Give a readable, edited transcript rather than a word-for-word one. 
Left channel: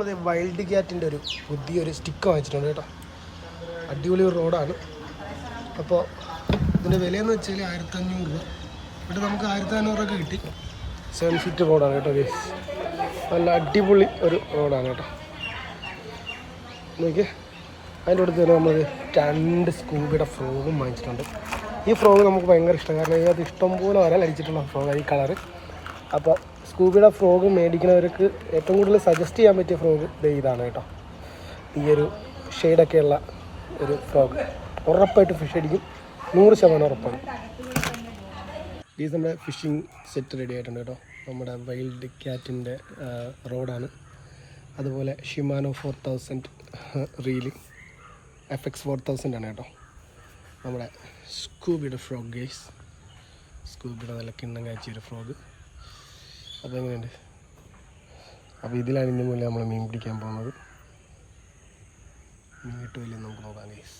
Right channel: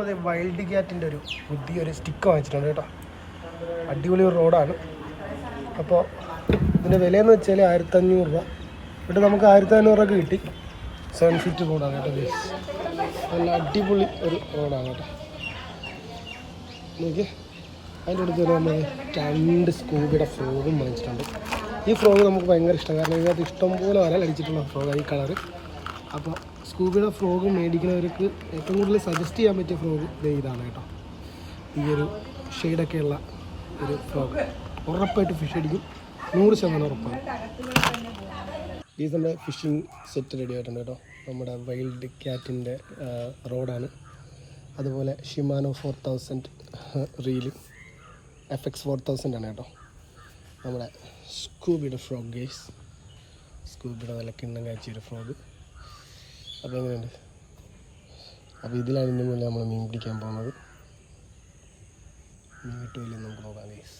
നമ്മൾ വൈൽഡ് ക്യാറ്റിൻ്റെ ഒരു പുതിയൊരു സ്റ്റിക്ക് വാങ്ങിച്ചിട്ടുണ്ട് കേട്ടോ. അടിപൊളി ഒരു റോഡാണ്. അപ്പോൾ ഇതിൻ്റെ വിലയെന്ന് വെച്ചാൽ 1500 രൂപ. ഇവിടെ നമുക്ക് 1500 രൂപ കിട്ടി. 7 ഫീറ്റ് റോഡാണ് കേട്ടോ ഗൈസ്. നല്ല അടിപൊളി ഒരു റോഡാണ് കേട്ടോ. നോക്കി അതിൻ്റെ അടുത്ത് തന്നെ നമ്മൾ 2 സ്കൂബിയുടെ ഫ്രോഗും വാങ്ങിച്ചിട്ടുണ്ട്. ഈ ഫ്രോഗ് നമുക്ക് ഭയങ്കര ഇഷ്ടമാണ്. കാരണം ഇതിനകത്ത് ഇഷ്ടംപോലെ വരാൻ അടിച്ചിട്ടുള്ള ഫ്രോഗ് ഈ കളറ്. അപ്പോൾ സ്കൂബിയുടെ ഫ്രോഗ് മേടിക്കുന്നവർക്ക് ഏറ്റവും കൂടുതൽ സജസ്റ്റ് ചെയ്യാൻ പറ്റിയ ഫ്രോഗ് ഇതാണ് കേട്ടോ. ഈ ഒരു ഷെയ്ഡൊക്കെയുള്ള ഒരു ഫ്രോഗ് ഉറപ്പായിട്ട് ഫിഷ് അടിക്കും. 100% ഉറപ്പാണ്. ഈ നമ്മുടെ ഫിഷിംഗ് സെറ്റ് റെഡി ആയിട്ടുണ്ട് കേട്ടോ. നമ്മുടെ വൈൽഡ് ക്യാറ്റിൻ്റെ റോഡാണ്. അതുപോലെ ഷിമാനോ 4000 റീല് FX 4000 ആണ് കേട്ടോ. നമ്മുടെ സ്കൂബിയുടെ ഫ്രോഗ് ഗേസ്. സ്കൂബിയുടെ നല്ല കിണ്ണം കാച്ചിയൊരു ഫ്രോഗ്. അപ്പോൾ എങ്ങനെയുണ്ട്? അപ്പോൾ ഇതിലാണ് ഇതിൻ്റെ മുന്നേ നമ്മൾ മീൻ പിടിക്കാൻ പോകുന്നത്. മീൻ കിട്ടുമില്ലെന്ന് നമുക്ക് നോക്കാം ഗേസ്.